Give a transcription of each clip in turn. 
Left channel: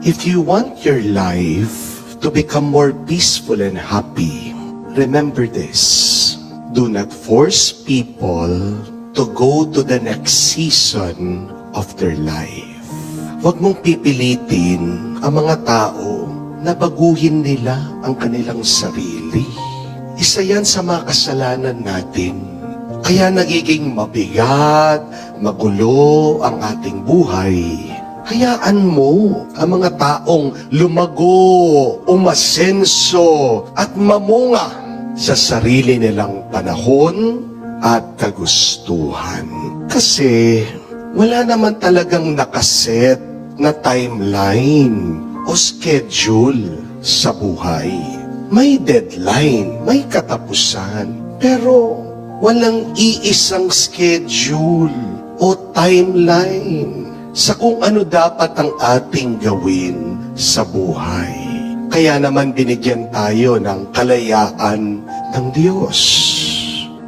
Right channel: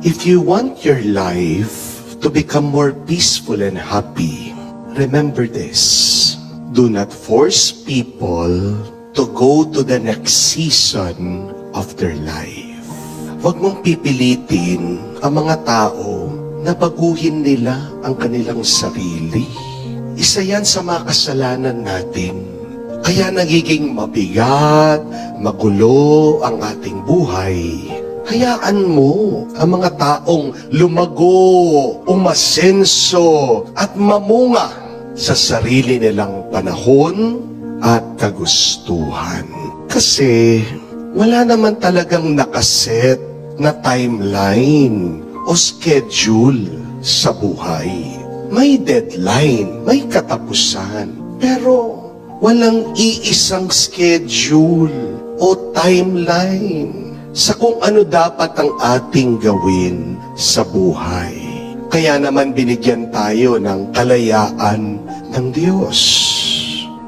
If you want your life to become more peaceful and happy, remember this. Do not force people to go to the next season of their life. Huwag mong pipilitin ang mga tao na baguhin nila ang kanilang sarili. Isa yan sa mga kasalanan natin. Kaya nagiging mabigat, magulo ang ating buhay. Hayaan mo ang mga taong lumago, umasenso at mamunga sa sarili nilang panahon at kagustuhan. Kasi wala naman talagang nakaset na timeline o schedule sa buhay. May deadline, may katapusan, pero walang iisang schedule o timeline sa kung ano dapat ang ating gawin sa buhay. Kaya naman binigyan tayo ng kalayaan ng Diyos.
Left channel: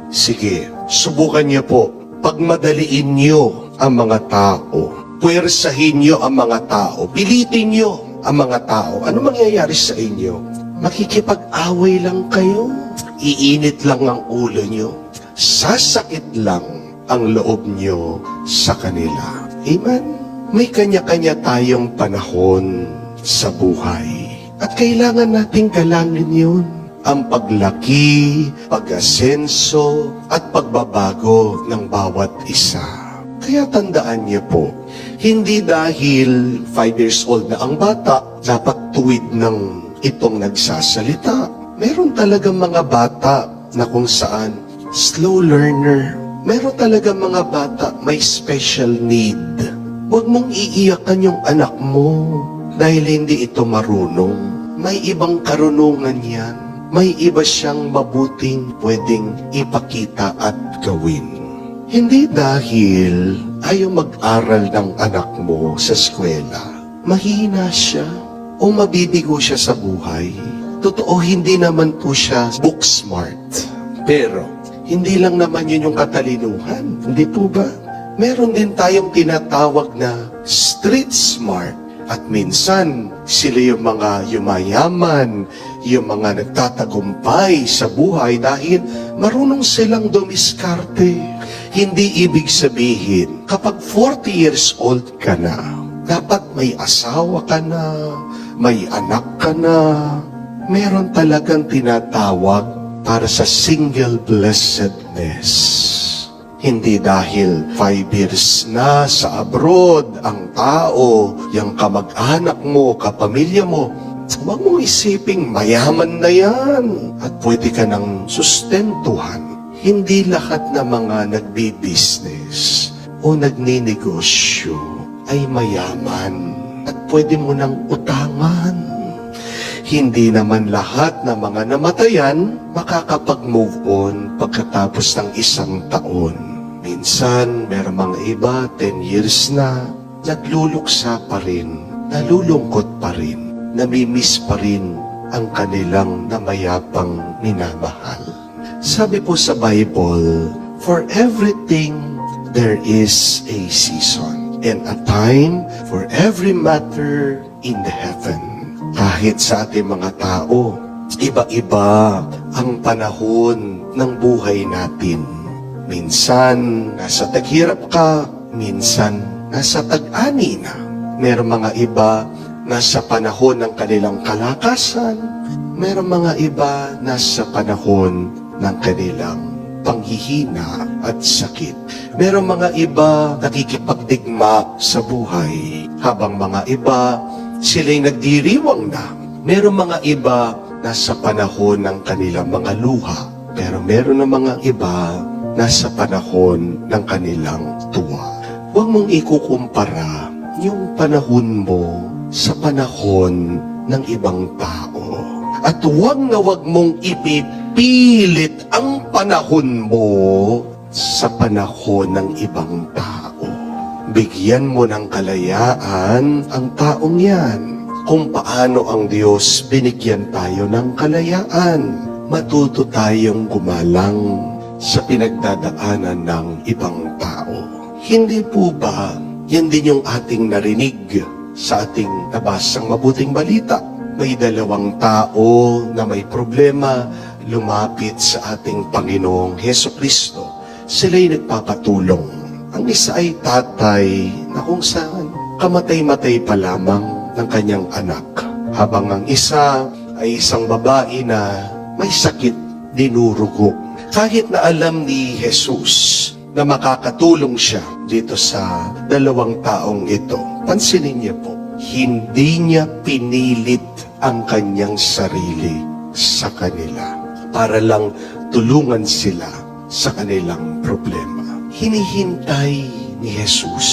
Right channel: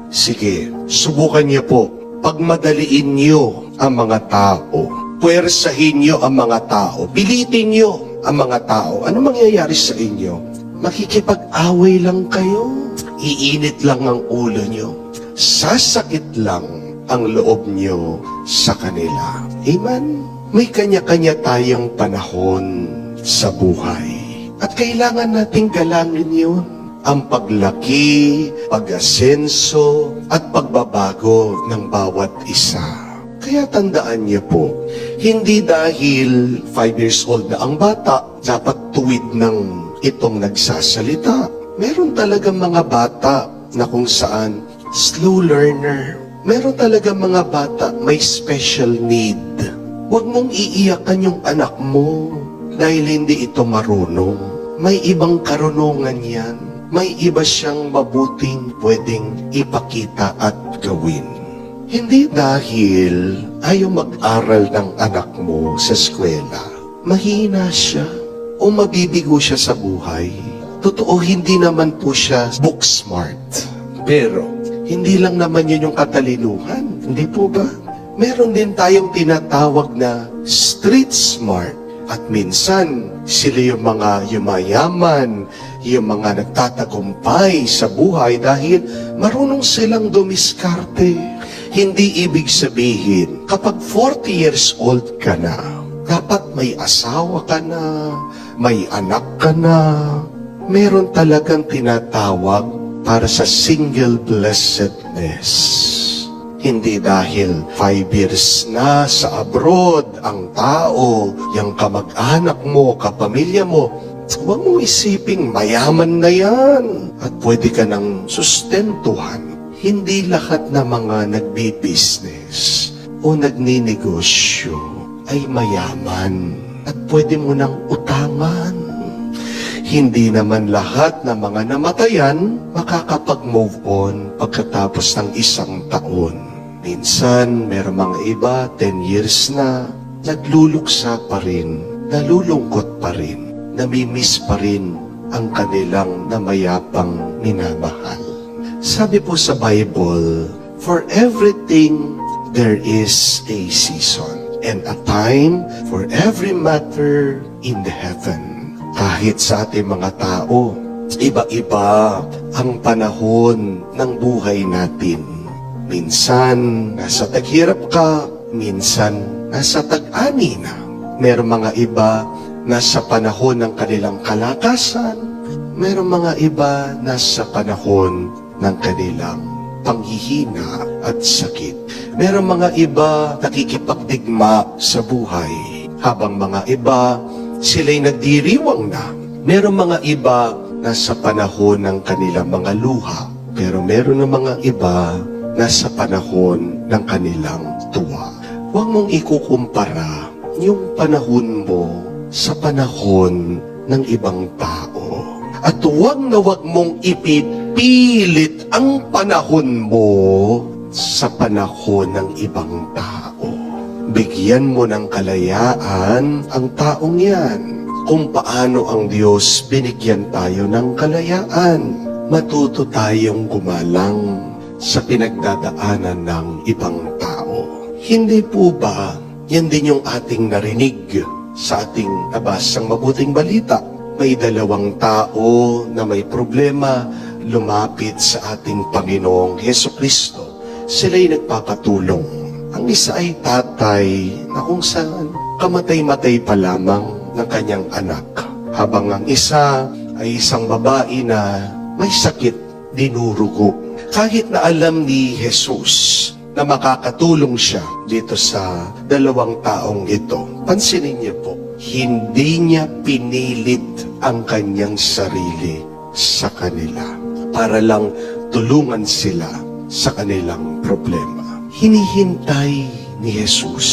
Sige, subukan niyo po. Pagmadaliin niyo ang mga tao. Puwersahin niyo ang mga tao. Pilitin niyo ang mga tao. Ano mangyayari sa inyo? Makikipag-away lang kayo. Iinit lang ang ulo niyo. Sasakit lang ang loob niyo sa kanila. Amen? May kanya-kanya tayong panahon sa buhay. At kailangan nating galangin yun. Ang paglaki, pag-asenso, at pagbabago ng bawat isa. Kaya tandaan niyo po, hindi dahil 5 years old na ang bata, dapat tuwid ng itong nagsasalita. Meron talagang mga bata na kung saan slow learner. Meron talagang mga bata may special need. Huwag mong iiyakan yung anak mo dahil hindi ito marunong. May ibang karunungan yan. May iba siyang mabuting pwedeng ipakita at gawin. Hindi dahil ayaw mag-aral ng anak mo sa eskwela, mahina siya o mabibigo siya sa buhay. Totoo, hindi naman po siya book smart. Pero, hindi lang naman yun yung katalinuhan. Hindi po ba? Meron din tayong tinatawag na street smart. At minsan, sila yung mga yumayaman, yung mga nagtatagumpay sa buhay dahil marunong silang dumiskarte. Hindi ibig sabihin, kapag 40 years old ka na, dapat may asawa ka na, may anak ka na. Meron talagang tinatawag para sa single blessedness. Hindi dahil 5 years na sa abroad ang tao, yung kamag-anak mo, kapamilya mo, huwag mong isiping mayaman na yan at pwede ka nang sustentuhan. Hindi lahat na mga nagbi-business o nagninegosyo ay mayaman at pwede mo nang utangan. Hindi naman lahat na mga namatayan makakapag-move on pagkatapos ng 1 taon. Minsan, meron mga iba, 10 years na, nagluluksa pa rin, nalulungkot pa rin, namimiss pa rin ang kanilang namayapang minamahal. Sabi po sa Bible, for everything there is a season and a time for every matter in the heaven. Kahit sa ating mga tao, iba-iba ang panahon ng buhay natin. Minsan, nasa taghirap ka, minsan, nasa tag-ani na. Meron mga iba, nasa panahon ng kanilang kalakasan. Meron mga iba, nasa panahon ng kanilang panghihina at sakit. Meron mga iba, nakikipagdigma sa buhay. Habang mga iba, sila'y nagdiriwang na. Meron mga iba, nasa panahon ng kanilang mga luha. Pero meron ng mga iba, nasa panahon ng kanilang tuwa. Huwag mong ikukumpara yung panahon mo sa panahon ng ibang tao. At huwag na huwag mong ipipilit ang panahon mo sa panahon ng ibang tao. Bigyan mo ng kalayaan ang taong yan. Kung paano ang Diyos binigyan tayo ng kalayaan, matuto tayong gumalang sa pinagdadaanan ng ibang tao. Hindi po ba yan din yung ating narinig sa ating nabasang mabuting balita. May dalawang tao na may problema lumapit sa ating Panginoong Hesukristo. Sila'y nagpapatulong. Ang isa ay tatay na kung saan kamatay-matay pa lamang ng kanyang anak. Habang ang isa ay isang babae na may sakit, dinurugo. Kahit na alam ni Jesus na makakatulong siya dito sa dalawang taong ito, pansinin niyo po, hindi niya pinilit ang kanyang sarili sa kanila para lang tulungan sila sa kanilang problema. Hinihintay ni Jesus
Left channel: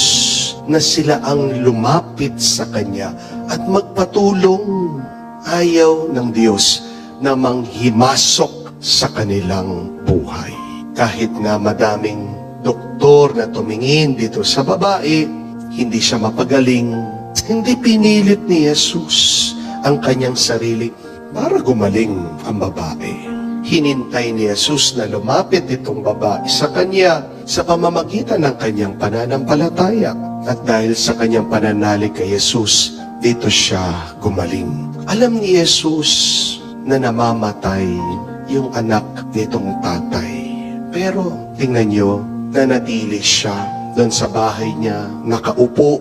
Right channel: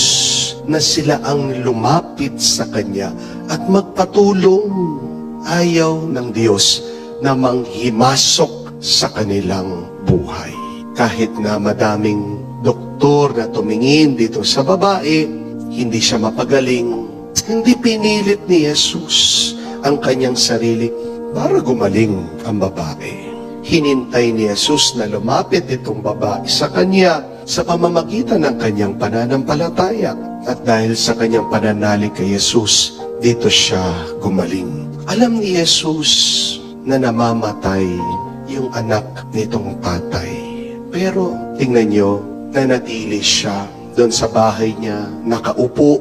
na sila ang lumapit sa Kanya at magpatulong. Ayaw ng Diyos na manghimasok sa kanilang buhay. Kahit na madaming doktor na tumingin dito sa babae, hindi siya mapagaling. Hindi pinilit ni Jesus ang kanyang sarili para gumaling ang babae. Hinintay ni Jesus na lumapit itong babae sa kanya sa pamamagitan ng kanyang pananampalataya. At dahil sa kanyang pananalig kay Jesus, dito siya gumaling. Alam ni Jesus na namamatay yung anak nitong tatay. Pero tingnan nyo, nanatili siya doon sa bahay niya, nakaupo.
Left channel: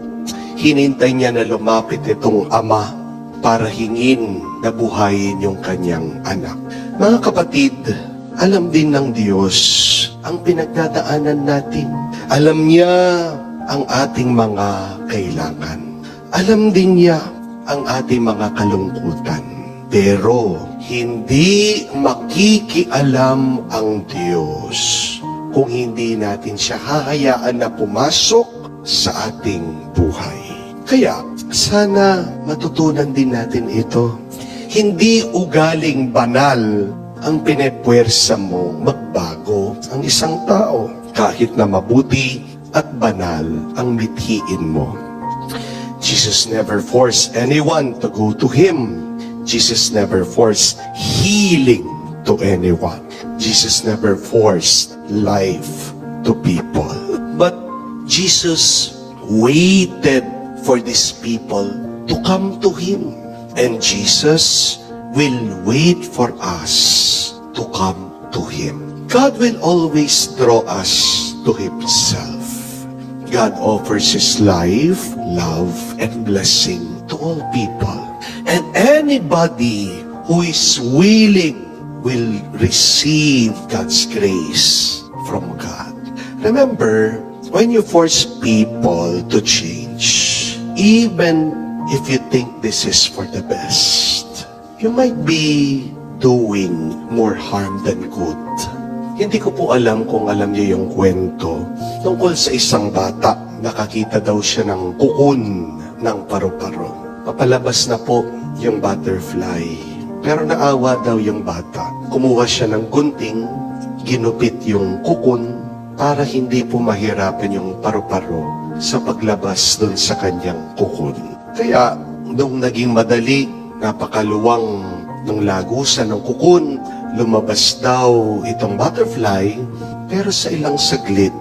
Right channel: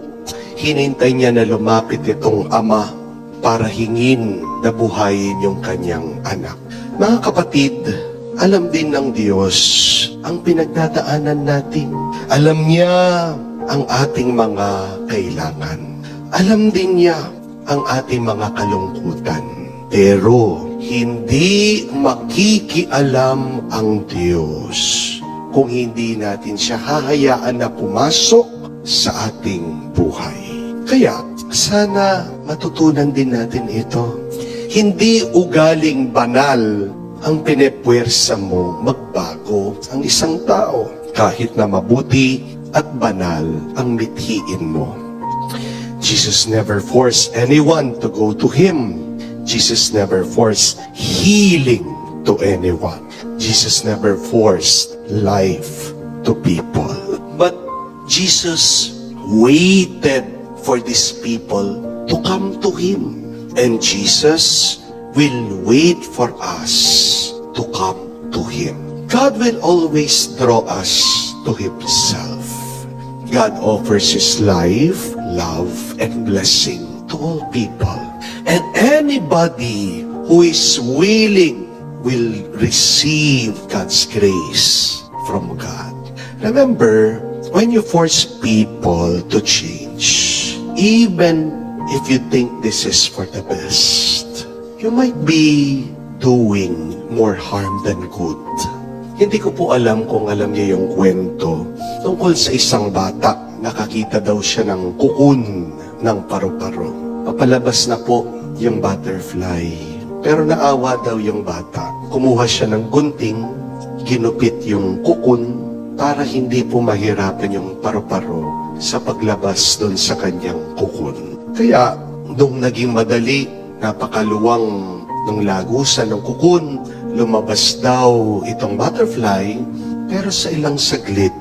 Hinintay niya na lumapit itong ama para hingin na buhayin yung kanyang anak. Mga kapatid, alam din ng Diyos ang pinagdadaanan natin. Alam niya ang ating mga kailangan. Alam din niya ang ating mga kalungkutan. Pero hindi makikialam ang Diyos kung hindi natin siya hahayaan na pumasok sa ating buhay. Kaya sana matutunan din natin ito. Hindi ugaling banal ang pinepwersa mo magbago ang isang tao kahit na mabuti at banal ang mithiin mo. Jesus never forced anyone to go to Him. Jesus never forced healing to anyone. Jesus never forced life to people. But Jesus waited for these people to come to Him. And Jesus will wait for us to come to Him. God will always draw us to Himself. God offers His life, love, and blessing to all people. And anybody who is willing will receive God's grace from God. Remember, when you force people to change, even if you think this is for the best, you might be doing more harm than good. Hindi ko po alam kung alam niyo yung kwento tungkol sa isang bata. Nakakita daw siya ng kukun ng paru-paro. Papalabas na po yung butterfly. Pero naawa daw yung bata. Kumuha siya ng gunting, ginupit yung kukun para hindi po mahirapan yung paru-paro sa paglabas doon sa kanyang kukun. Kaya, nung naging madali, napakaluwang ng lagusan ng kukun, lumabas daw itong butterfly, pero sa ilang saglit,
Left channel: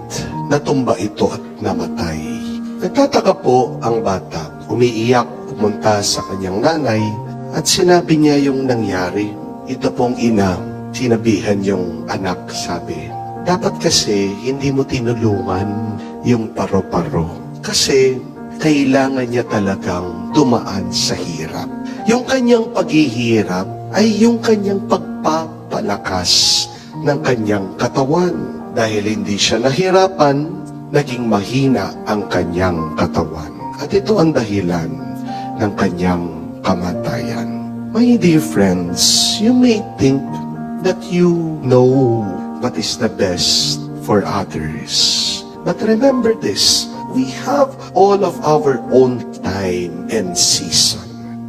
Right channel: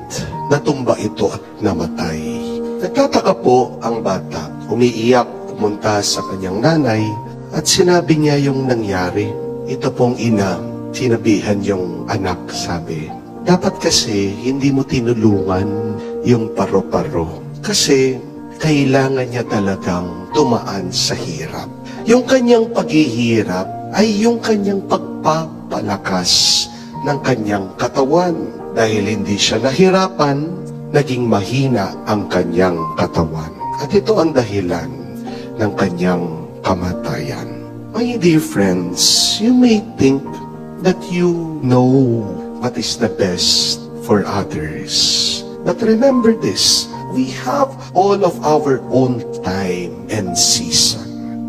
natumba ito at namatay. Nagtataka po ang bata, umiiyak, pumunta sa kanyang nanay, at sinabi niya yung nangyari. Ito pong ina, sinabihan yung anak, sabi, dapat kasi hindi mo tinulungan yung paro-paro. Kasi kailangan niya talagang dumaan sa hirap. Yung kanyang paghihirap ay yung kanyang pagpapalakas ng kanyang katawan. Dahil hindi siya nahirapan, naging mahina ang kanyang katawan. At ito ang dahilan ng kanyang kamatayan. My dear friends, you may think that you know what is the best for others. But remember this, we have all of our own time and season.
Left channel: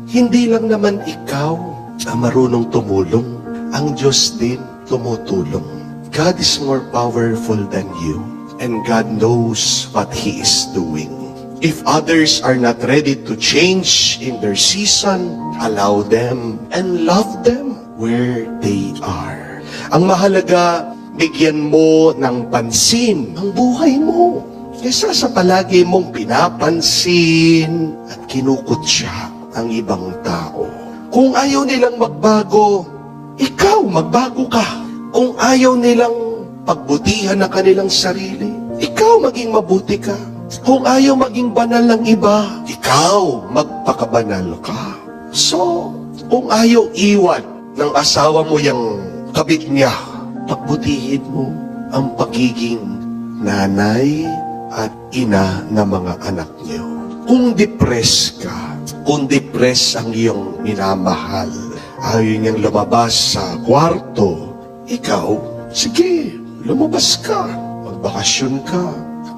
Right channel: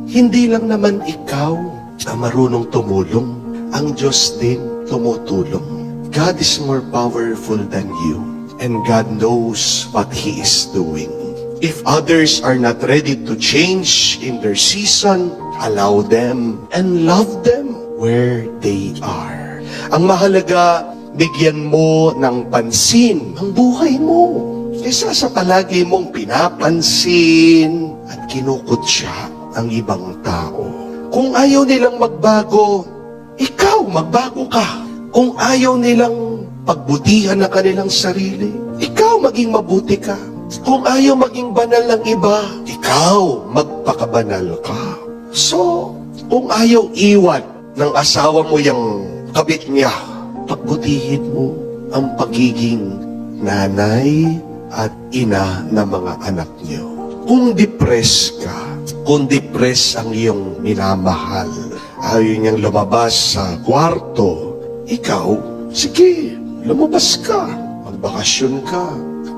Hindi lang naman ikaw ang marunong tumulong. Ang Diyos din tumutulong. God is more powerful than you. And God knows what He is doing. If others are not ready to change in their season, allow them and love them where they are. Ang mahalaga, bigyan mo ng pansin ang buhay mo. Kesa sa palagi mong pinapansin at kinukutya ang ibang tao. Kung ayaw nilang magbago, ikaw magbago ka. Kung ayaw nilang pagbutihan ang kanilang sarili, ikaw maging mabuti ka. Kung ayaw maging banal ng iba, ikaw magpakabanal ka. So, kung ayaw iwan ng asawa mo yung kabit niya, pagbutihin mo ang pagiging nanay at ina ng mga anak niyo. Kung depressed ka, kung depressed ang iyong minamahal, ayaw niyang lumabas sa kwarto, ikaw, sige, lumabas ka, magbakasyon ka,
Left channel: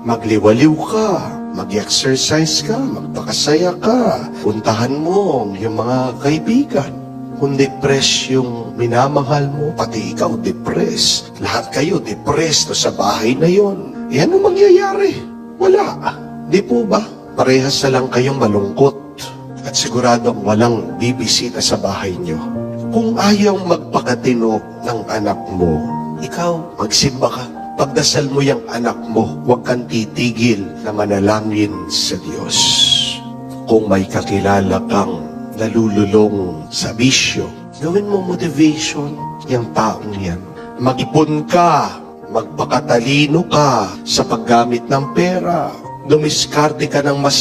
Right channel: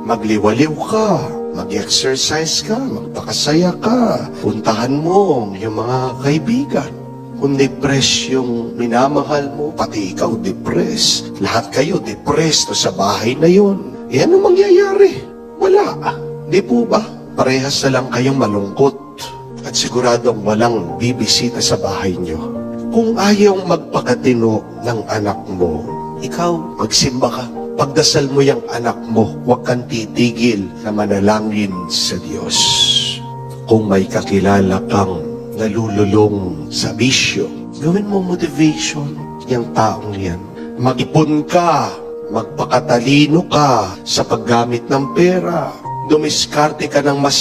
magliwaliw ka, mag-exercise ka, magpakasaya ka, puntahan mo yung mga kaibigan. Kung depressed yung minamahal mo, pati ikaw depressed. Lahat kayo depressed sa bahay na yon. Yan ang mangyayari. Wala. Di po ba? Parehas na lang kayong malungkot at siguradong walang bibisita sa bahay nyo. Kung ayaw magpakatino ng anak mo, ikaw magsimba ka. Pagdasal mo yung anak mo, huwag kang titigil na manalangin sa Diyos. Kung may kakilala kang nalululong sa bisyo, gawin mo motivation yung taong yan. Mag-ipon ka, magpakatalino ka sa paggamit ng pera, dumiskarte ka ng mas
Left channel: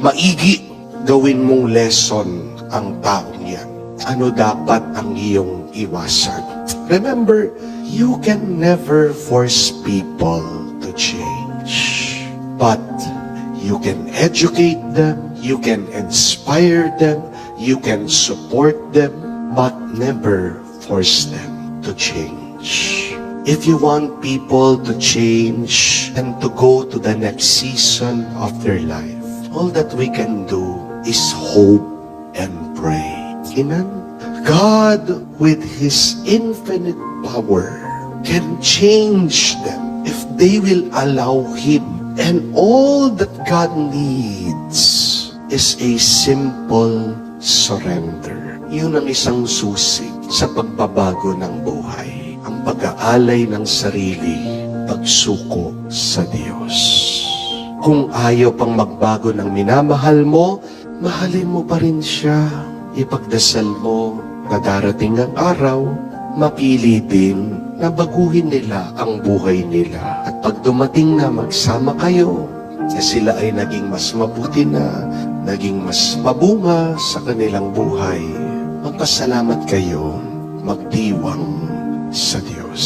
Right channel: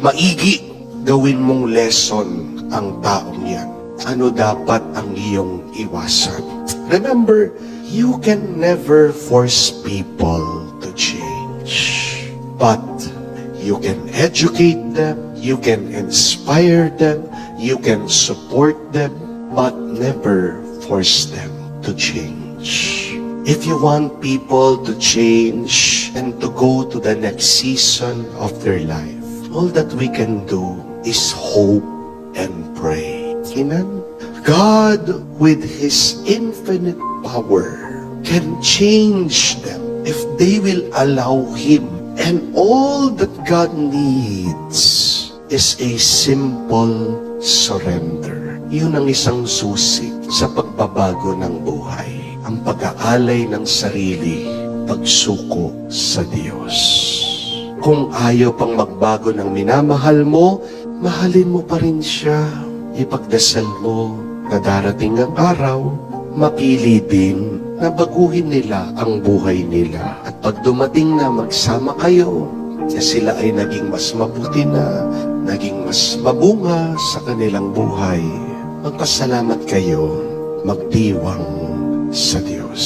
maigi, gawin mong lesson ang taong yan. Ano dapat ang iyong iwasan? Remember, you can never force people to change. But you can educate them, you can inspire them, you can support them, but never force them to change. If you want people to change and to go to the next season of their life, all that we can do is hope and pray. Amen? God, with His infinite power, can change them if they will allow Him. And all that God needs is a simple surrender. Yun ang isang susi sa pagbabago ng buhay. Ang pag-aalay ng sarili, pagsuko sa Diyos. Kung ayaw pang magbago ng minamahal mo, mahalin mo pa rin siya. Ipagdasal mo na darating ang araw, mapili din na baguhin nila ang buhay nila. At pag dumating na magsama kayo, na sila ay naging mas mabuti na, naging mas mabunga sa kanilang buhay, magpasalamat kayo, magdiwang sa Diyos.